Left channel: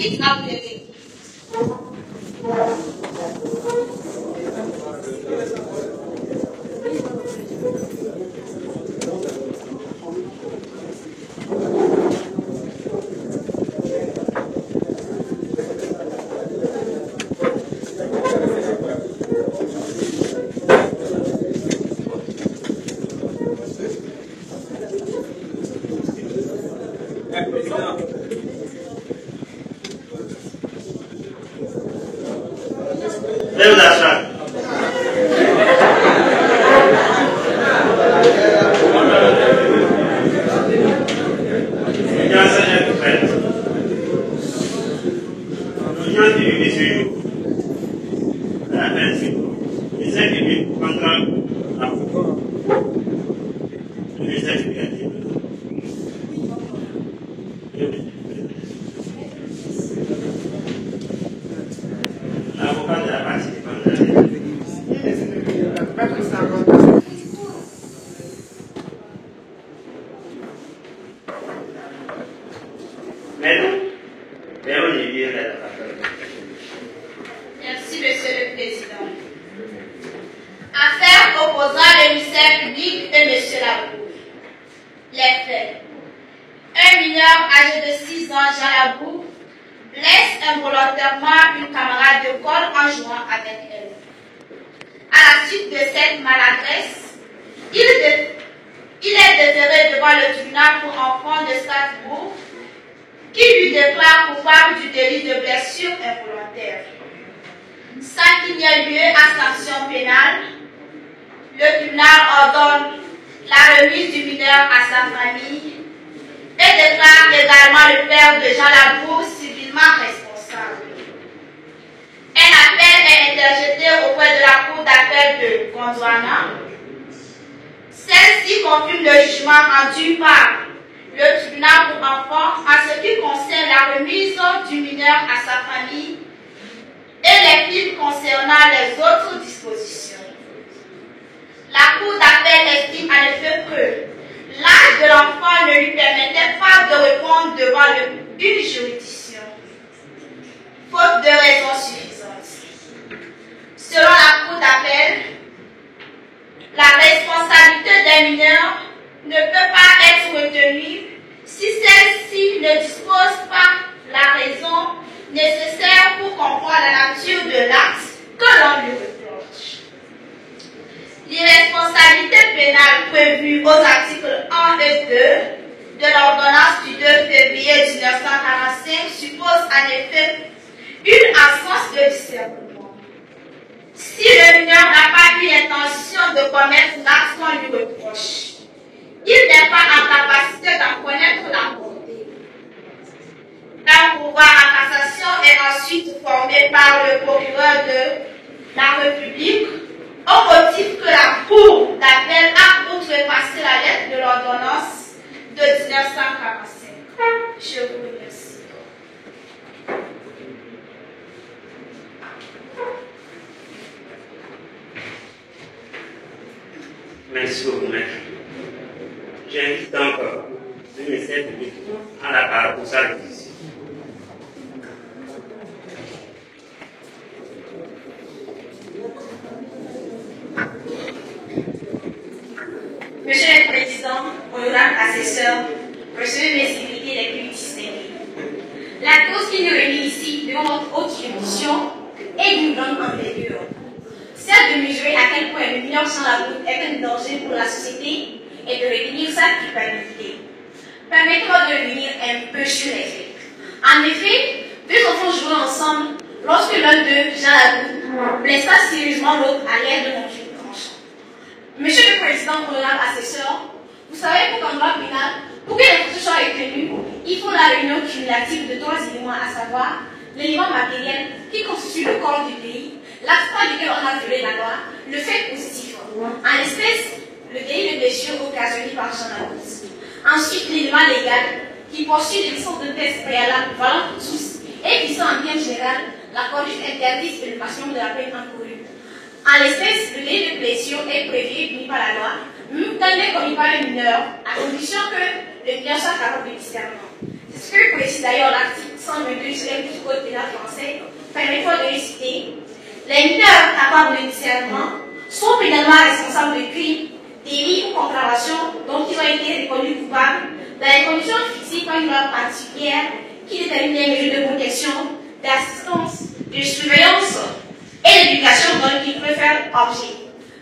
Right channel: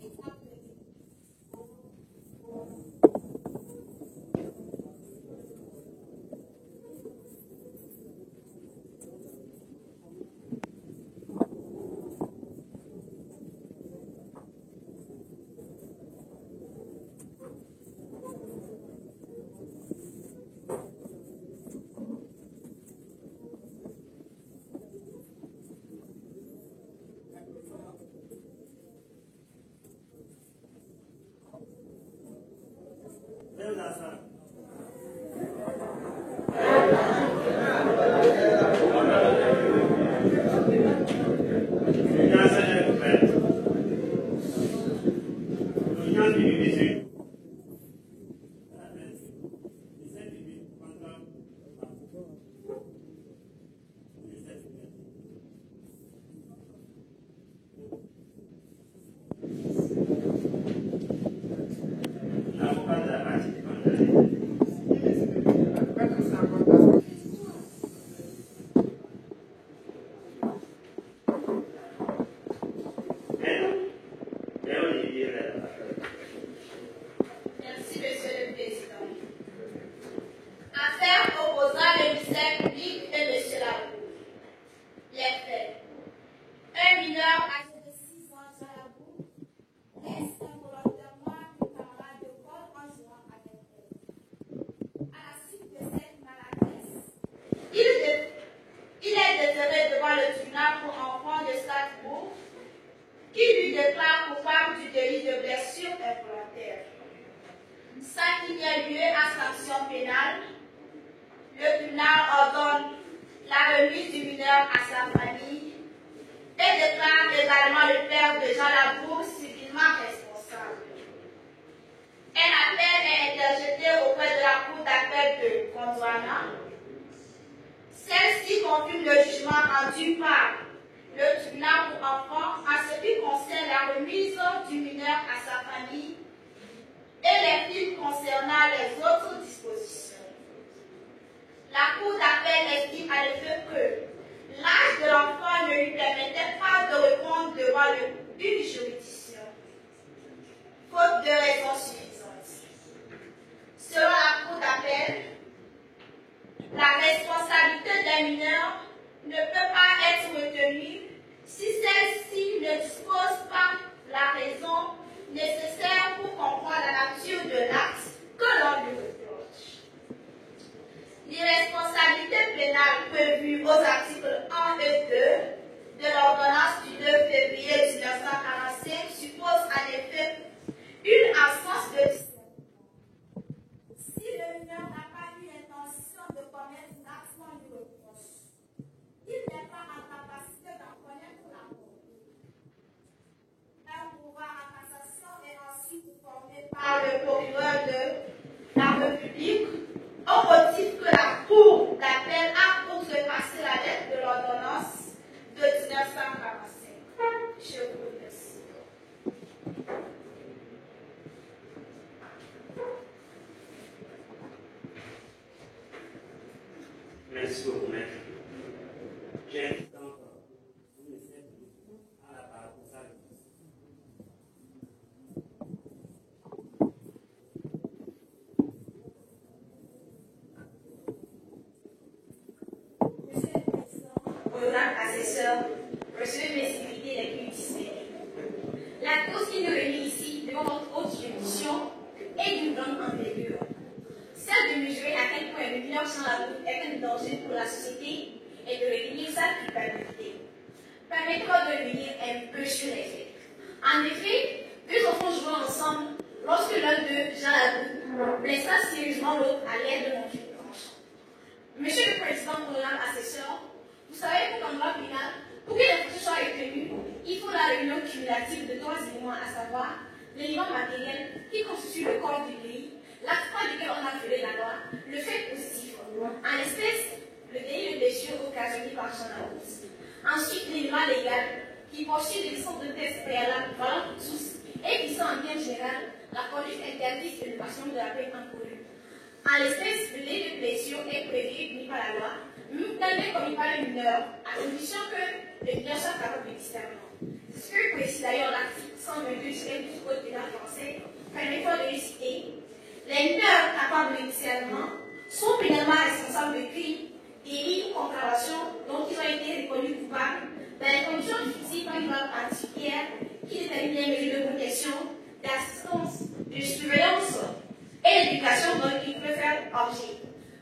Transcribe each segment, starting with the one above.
invite à vous lever. Merci, Monsieur le Président. Affaire opposant le ministère public et Monsieur Labour. Les faits. Un mineur âgé de 6 ans, Jean Labour, blesse involontairement une camarade d'école en jouant avec elle. À la suite de cette maladresse, il est déféré devant le tribunal pour enfants de Strasbourg qui lui déclare coupable du délit de blessure involontaire. Sans qu'il n'y ait lieu à sanction pénale, le tribunal ordonne la remise du mineur à sa famille et déclare également le père de Jean Labour civilement responsable. Un appel est interjeté auprès de la cour d'appel de Gondwana. Celle-ci confirme le jugement rendu par le tribunal pour enfants en ce qui concerne la remise du mineur à sa famille et les films concernant les autres dispositions. La cour d'appel estime en effet que l'âge de l'enfant ne lui permettait pas de répondre devant une juridiction, faute de raisons suffisantes. Selon la cour d'appel, la responsabilité des mineurs ne peut pas être retenue si celle-ci ne dispose pas la raison nécessaire pour comprendre la nature de l'acte que l'on lui reproche. L'irresponsabilité pénale prévue aux articles 1 et 2 de l'ordonnance du 2 février 1945 suppose en effet une absence de discernement. Si le mineur n'a pas eu l'intention de commettre l'acte qu'on lui reproche, il n'est pas en capacité d'en connaître la portée. Un pouvoir en cassation est ensuite formé par le procureur de la République au motif que la cour d'appel a outrepassé la lettre de l'ordonnance de 1945. Je vous remercie. Merci beaucoup, maître. J'invite donc le ministère public à la parole pour sa révision. Monsieur le Président, honorable assesseur, recevez mes invités les plus distingués. La cause qui nous réunit ici devant notre haute juridiction est d'une grande envergure. Celle de mesurer à quel point le mineur sans la route est un danger pour la société et de retenir sa culpabilité. Permettez-moi de revenir un peu sur les faits. En effet, deux enfants jouaient ensemble lorsque l'un d'eux, Jean Labour, blessa sérieusement l'autre à l'aide de mon fil tranchant. Monsieur le Président, honorable assesseur, vous savez qu'en droit pénal, pour que l'infraction soit retenue, il faut la réunion cumulative de trois éléments, à savoir l'élément matériel qui constitue le corps du pays, l'aspect duquel on a violé la loi, le fait positif. En l'espèce, le délit de blessure occasionné par Jean Labour. Ensuite, l'élément légal qui poursuit les sortes de tests préalables valant pour tous et qui sont en bien général la conduite interdite et le maximum de la peine encourue. En l'espèce, le délit de blessure est prévu et puni par la loi, même quand il est commis par le mineur, à condition que le mineur soit capable de discernement. C'est ce que précise d'ailleurs l'article 122 2 du Code pénal français, permettant de les citer. Les mineurs capables de discernement sont pénalement responsables de crimes, délits ou contraventions dont ils ont été reconnus coupables dans les conditions fixées par une loi particulière qui détermine les mesures de protection, d'assistance, de surveillance et d'éducation dont ils peuvent faire objet.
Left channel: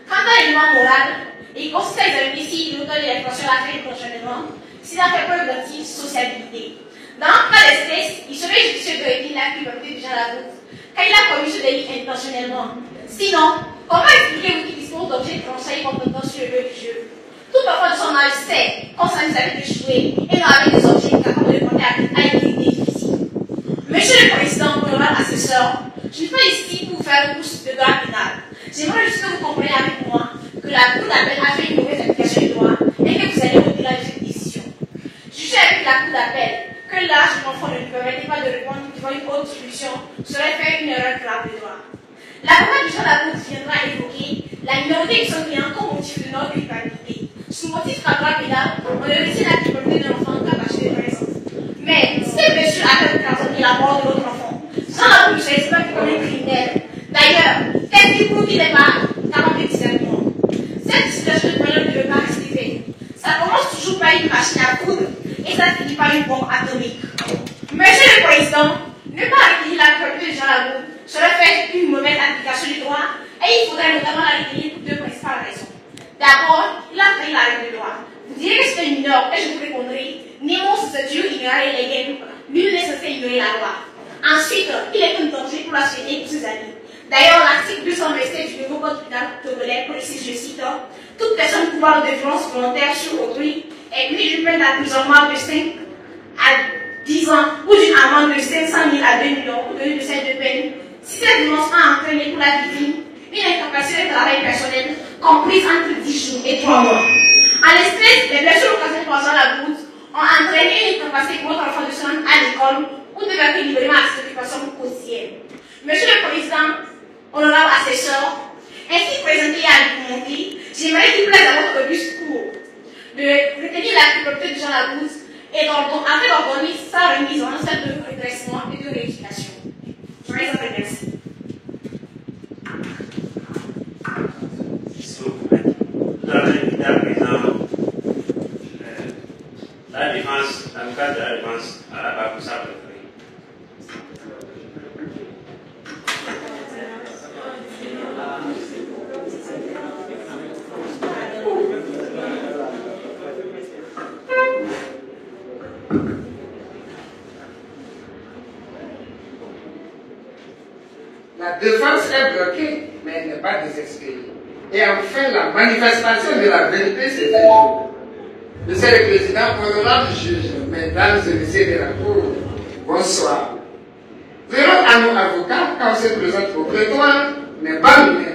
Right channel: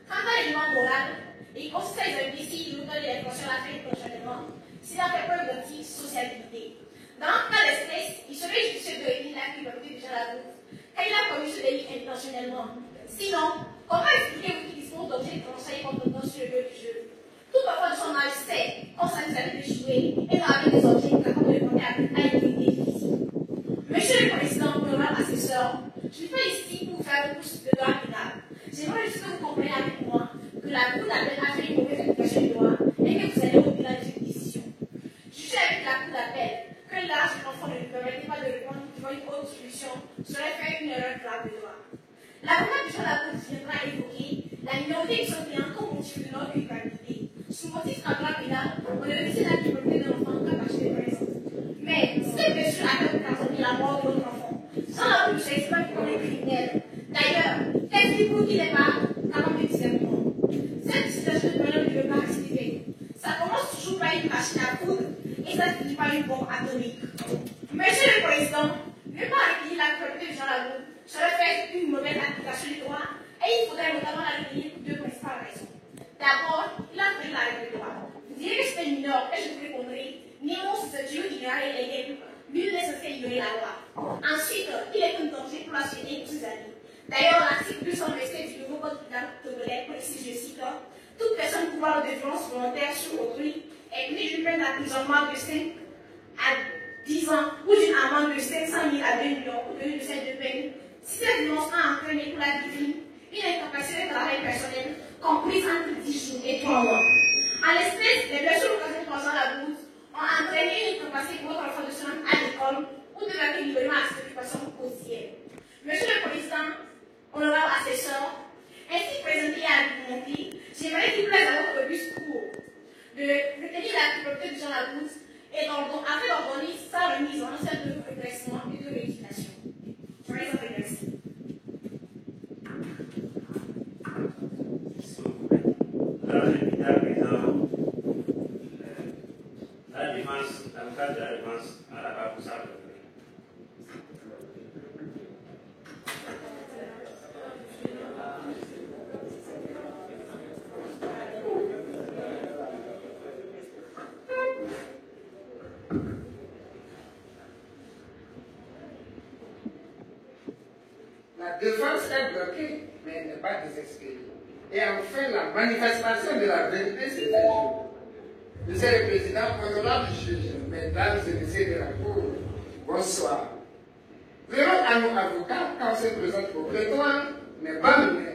Quant à l'élément moral, il consiste à examiner si l'auteur de l'infraction l'a fait intentionnellement, s'il a fait preuve d'antisociabilité. Dans le cas d'espèce, il serait judicieux de retirer la culpabilité du genre la route quand il a commis ce délit intentionnellement. Sinon, comment expliquer-vous qu'il dispose d'objets transférés compétents sur le lieu du jeu? Tout enfant de son âge sait qu'on s'amuse avec de jouer et non avec des objets capables de porter à une activité difficile. Monsieur le Président, honorable assesseur, je ne suis pas ici pour faire une course de droit pénal. J'aimerais juste que vous compreniez avec moi que la Cour d'appel a fait une mauvaise application du droit et que vous allez au-delà de cette décision. Jugez avec la Cour d'appel que l'âge de l'enfant ne lui permettait pas de répondre devant une autre solution serait faire une erreur grave de droit. L'avocat du genre de la Cour viendra évoquer la minorité de son client comme motif de notre culpabilité. Sous motif qu'en droit pénal, on ne retient la culpabilité de l'enfant qu'à partir de présence. Mais si cette blessure a fait occasionner la mort de l'autre enfant, sans la Cour ne serait pas comme un criminel. D'ailleurs, qu'est-ce qui prouve qu'il n'est pas capable de discernement? Cette situation de moyen ne veut pas rester faite. Ça commence toujours par une machine à coudre et ça finit par une bombe atomique. Monsieur le Président, ne pas retenir la culpabilité de Jean Lagour serait faire une mauvaise application du droit et il faudrait notamment la retenir pour 2 principales raisons. D'abord, il a failli la règle de droit. Vous direz que c'est un mineur et je vous répondrai, Nemo se tue ignorer les règles, nul n'est censé ignorer la loi. Ensuite, il est un danger pour la société et pour ses amis. D'ailleurs, l'article 227 du nouveau code pénal togolais précise, je cite, toute personne coupable de violence volontaire sur autrui est punie d'une peine d'emprisonnement de 5 à 10 ans ou d'une amende de 500 000 à 2 millions ou de celle de peine si cette violence a entraîné pour la victime une incapacité de travail personnel comprise entre 10 jours et 3 mois. En l'espèce, les blessures occasionnées par la route ont entraîné une incapacité pour votre enfant de se rendre à l'école ou de faire librement à ses occupations quotidiennes. Monsieur le Président, honorable assesseur, ainsi présenté à l'argumenté, j'aimerais qu'il plaise à votre discours de retenir la culpabilité de Jean Lagour et afin d'ordonner sa remise en enceinte de redressement et de rééducation. Je vous remercie. La défense, l'avocat de la défense à la barre pour sa préférée. La défense est bloquée, mais elle n'est pas désespérée. Et enfin, la manifestation de la vérité s'est faite. Monsieur le Président, honorable juge, mesdames et messieurs de la Cour, bonsoir. Le rôle à nos avocats, quand on se présente au prétoire, n'est pas mineur.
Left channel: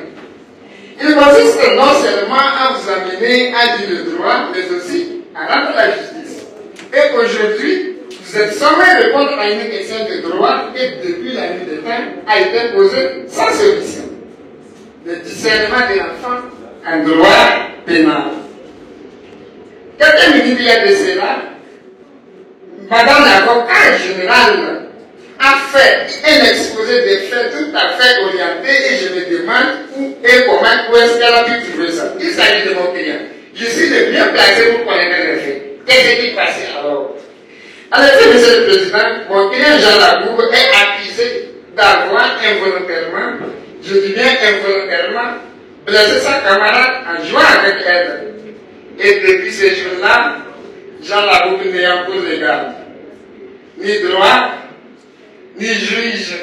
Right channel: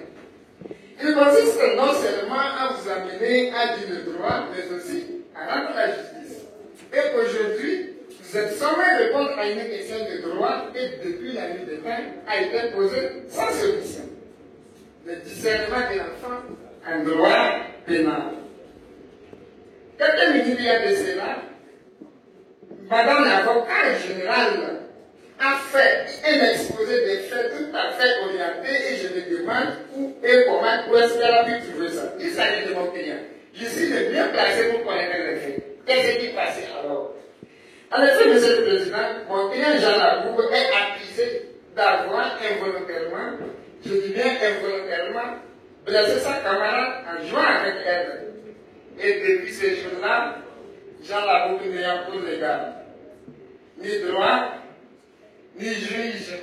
Il consiste non seulement à vous amener à dire le droit, mais aussi à rendre la justice. Et aujourd'hui, vous êtes sommé de répondre à une question de droit qui, depuis la nuit des temps, a été posée sans solution. Le discernement de l'enfant en droit pénal. Quelques minutes il y a de cela, Madame l'avocat générale a fait un exposé des faits tout à fait orienté et je me demande où et comment, où est-ce qu'elle a pu trouver ça. Il s'agit de mon client. Je suis le mieux placé pour connaître les faits. Qu'est-ce qui est passé alors? En effet, Monsieur le Président, mon client Jean Lagour est accusé d'avoir involontairement, je dis bien involontairement, blessé sa camarade en jouant avec elle. Et depuis ce jour-là, Jean Lagour n'ayant pour légal ni droit, ni juge,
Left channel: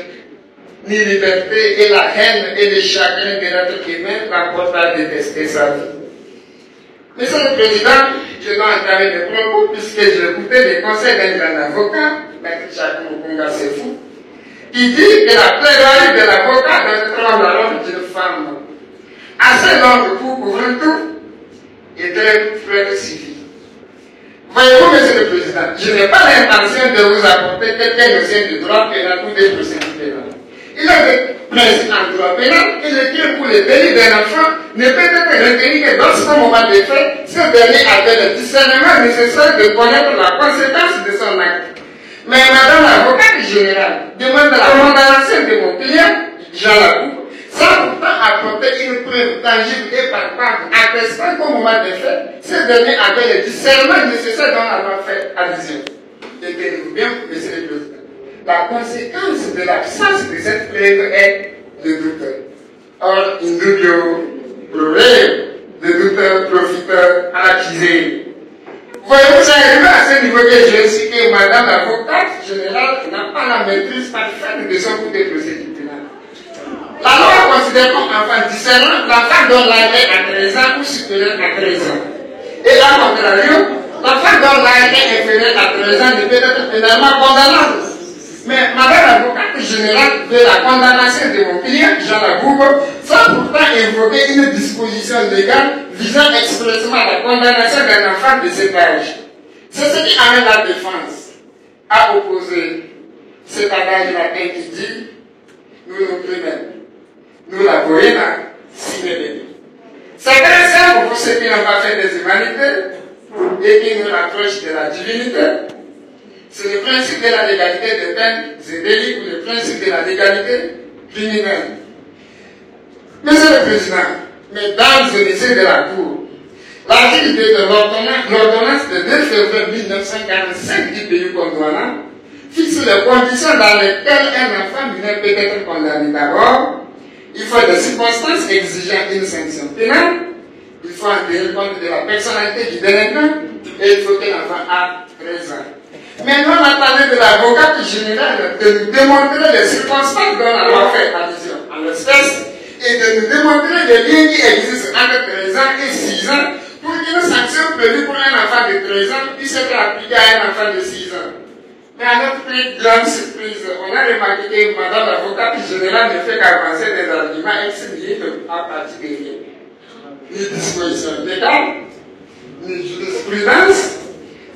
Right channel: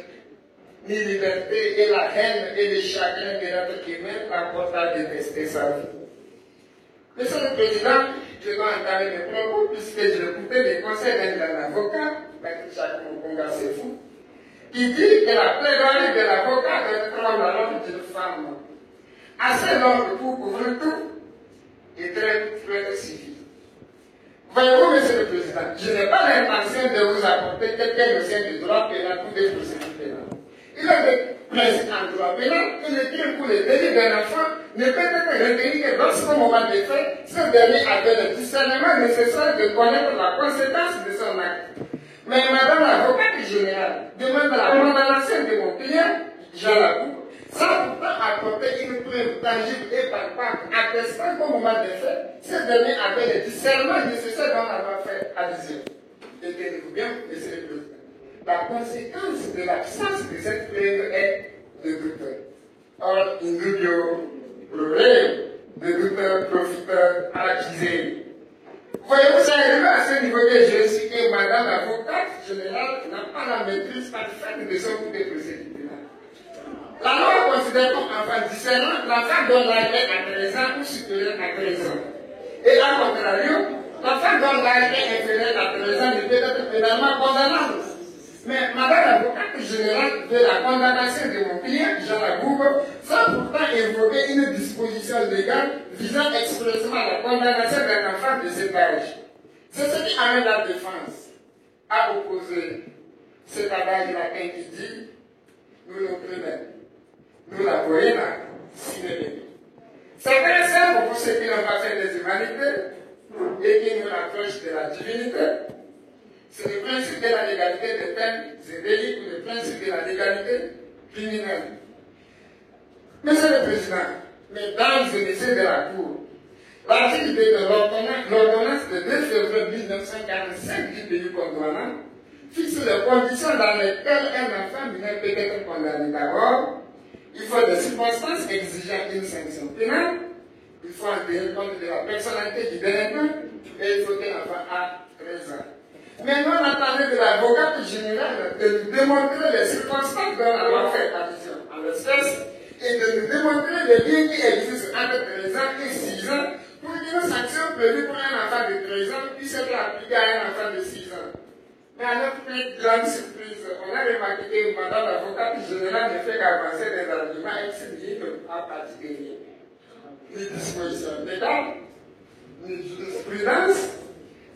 ni liberté, et la haine et le chagrin de notre humain l'emportent à détester sa vie. Monsieur le Président, je dois entamer mes propos puisque j'ai écouté les conseils d'un grand avocat, Maître Jacques Mukunga Sefou, qui dit que la plaidoirie de l'avocat doit être la robe d'une femme assez longue pour couvrir tout et très civil. Voyez-vous, Monsieur le Président, je n'ai pas l'intention de vous apporter quelques notions de droit pénal ou de procédure pénale. Il y a des principes en droit pénal et le crime pour le délit d'un enfant ne peut être retenu que lorsqu'au moment des faits, ce dernier avait le discernement nécessaire de connaître la conséquence de son acte. Mais Madame l'avocate général demande la condamnation de mon client, Jean Lacour, sans pourtant apporter une preuve tangible et palpable, attestant qu'au moment des faits, ce dernier avait le discernement nécessaire dont la loi fait allusion. Et tenez-vous bien, Monsieur le Président, la conséquence de l'absence de cette preuve est le doute. Or, in dubio problème, le doute profiteur accusé. Voyez-vous, ça arrive à ce niveau que j'ai expliqué, Madame l'avocate générale n'a pas la maîtrise parfaite de son coup de procédure pénale. La loi considère comme enfant discernant l'enfant dont l'âge est à 13 ans ou supérieur à 13 ans. Et à contrario, l'enfant dont l'âge est inférieur à 13 ans ne peut être pénalement condamnable. Mais Madame l'avocate générale de la condamnation de mon client, Jean Lacour, sans pourtant invoquer une disposition légale visant expressément la condamnation d'un enfant de cet âge. C'est ce qui amène la défense à opposer cet adage latin qui dit nous non plus même, nous la poéna, si n'est c'est très simple pour ceux qui n'ont pas fait des humanités et qui nous rapprochent de la divinité. C'est le principe de la légalité des peines et délits ou le principe de la légalité criminelle. Monsieur le Président, Mesdames et Messieurs de la Cour, l'article 2 de l'ordonnance de 2 février 1945 du pays condamnant fixe les conditions dans lesquelles un enfant mineur peut être condamné. D'abord, il faut des circonstances exigeant une sanction pénale, il faut en tenir compte de la personnalité du délinquant et il faut que l'enfant ait 13 ans. Maintenant, on attendait de l'avocate générale de nous démontrer les circonstances dont la loi fait allusion en l'espèce et de nous démontrer les liens qui existent entre 13 ans et 6 ans pour qu'une sanction prévue pour un enfant de 13 ans puisse être appliquée à un enfant de 6 ans. Mais à notre plus grande surprise, on a remarqué que Madame l'avocate générale ne fait qu'avancer des arguments ex-nihilo à partir de rien. Ni disposition légale, ni jurisprudence,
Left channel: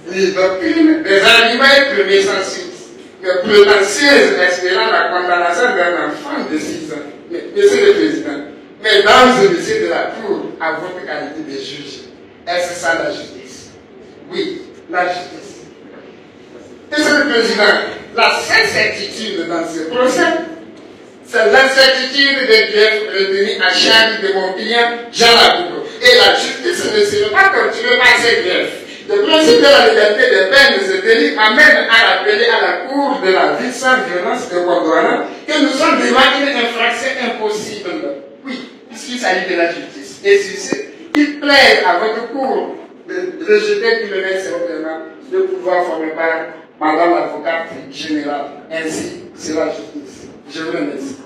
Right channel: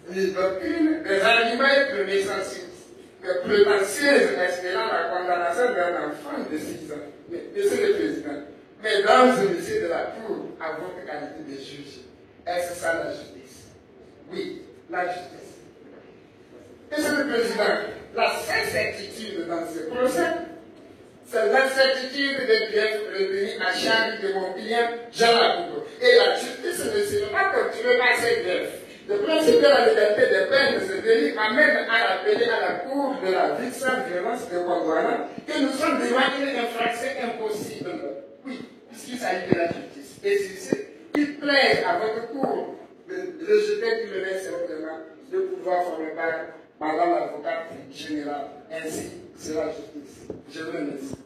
ni doctrine, des arguments et premiers sensus, mais prétentieuse espérant la condamnation d'un enfant de 6 ans. Mais, Monsieur le Président, Mesdames et Messieurs de la Cour, à votre qualité de juge, est-ce ça la justice? Oui, la justice. Monsieur le Président, la seule certitude dans ce procès, c'est l'incertitude des griefs retenus à charge de mon client Jean Lacour. Et la justice ne sera pas torturée par ces griefs. Le principe de la légalité des peines et des délits m'amène à rappeler à la Cour de la vie sans violence de Gondwana que nous sommes devant une infraction impossible. Oui, puisqu'il s'agit de la justice. Et sur ce, il plaide à votre Cour de rejeter tout le reste simplement de pouvoir former part Madame l'avocate générale. Ainsi, c'est la justice. Je vous remercie.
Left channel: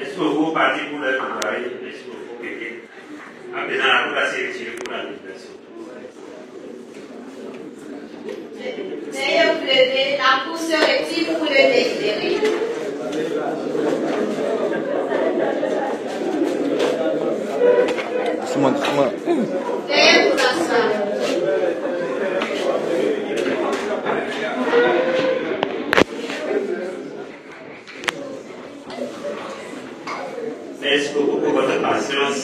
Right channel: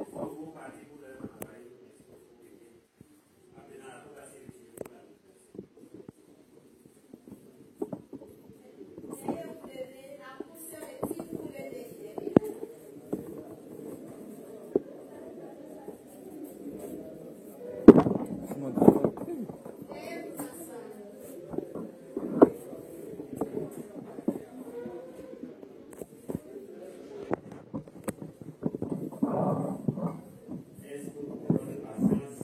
Est-ce que vous partez pour le travail? Est-ce que vous quelqu'un? À présent, la Cour s'est retirée pour la libération. Veuillez vous lever, la Cour se retire pour le délibérer. Veuillez vous asseoir. Merci beaucoup pour votre patience.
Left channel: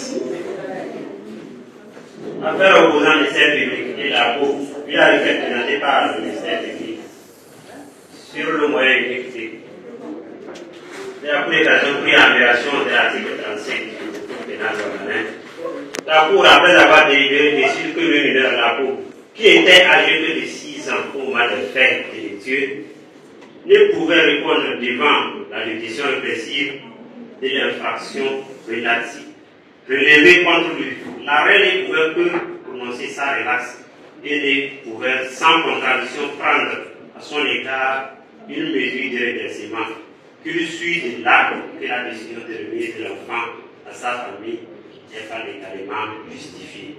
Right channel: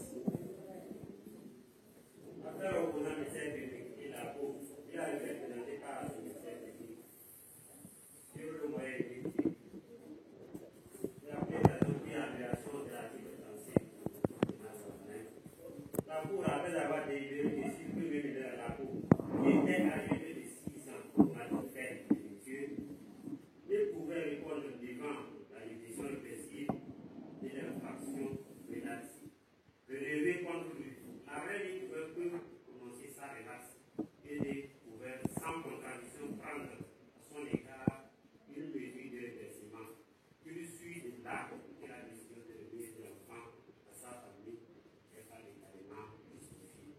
L'affaire opposant le ministère public et la Cour, puis a été présentée par le ministère public sur le moyen exécutif. La Cour d'application pris en violation de l'article 35 du Code pénal ordinaire. La Cour, après avoir délibéré, décide que le mineur de la Cour, qui était âgé de 6 ans au moment de fait délictueux, ne pouvait répondre devant la juridiction répressive de l'infraction relative relevée contre lui. L'arrêt ne pouvait que prononcer sa relaxe et ne pouvait sans contradiction prendre à son égard une mesure de redressement qui lui suit de là que la décision de remise de l'enfant à sa famille n'est pas légalement justifiée.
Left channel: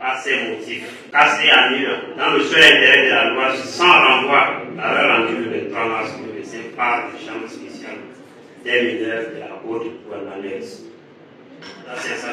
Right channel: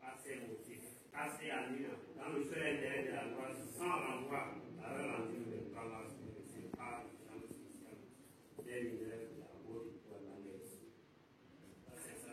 Par ces motifs, cassés à nul dans le seul intérêt de la loi sans renvoi à la rendue le 23 mars 2005 par la Chambre spéciale des mineurs de la Haute-Douane. Ça, c'est ça.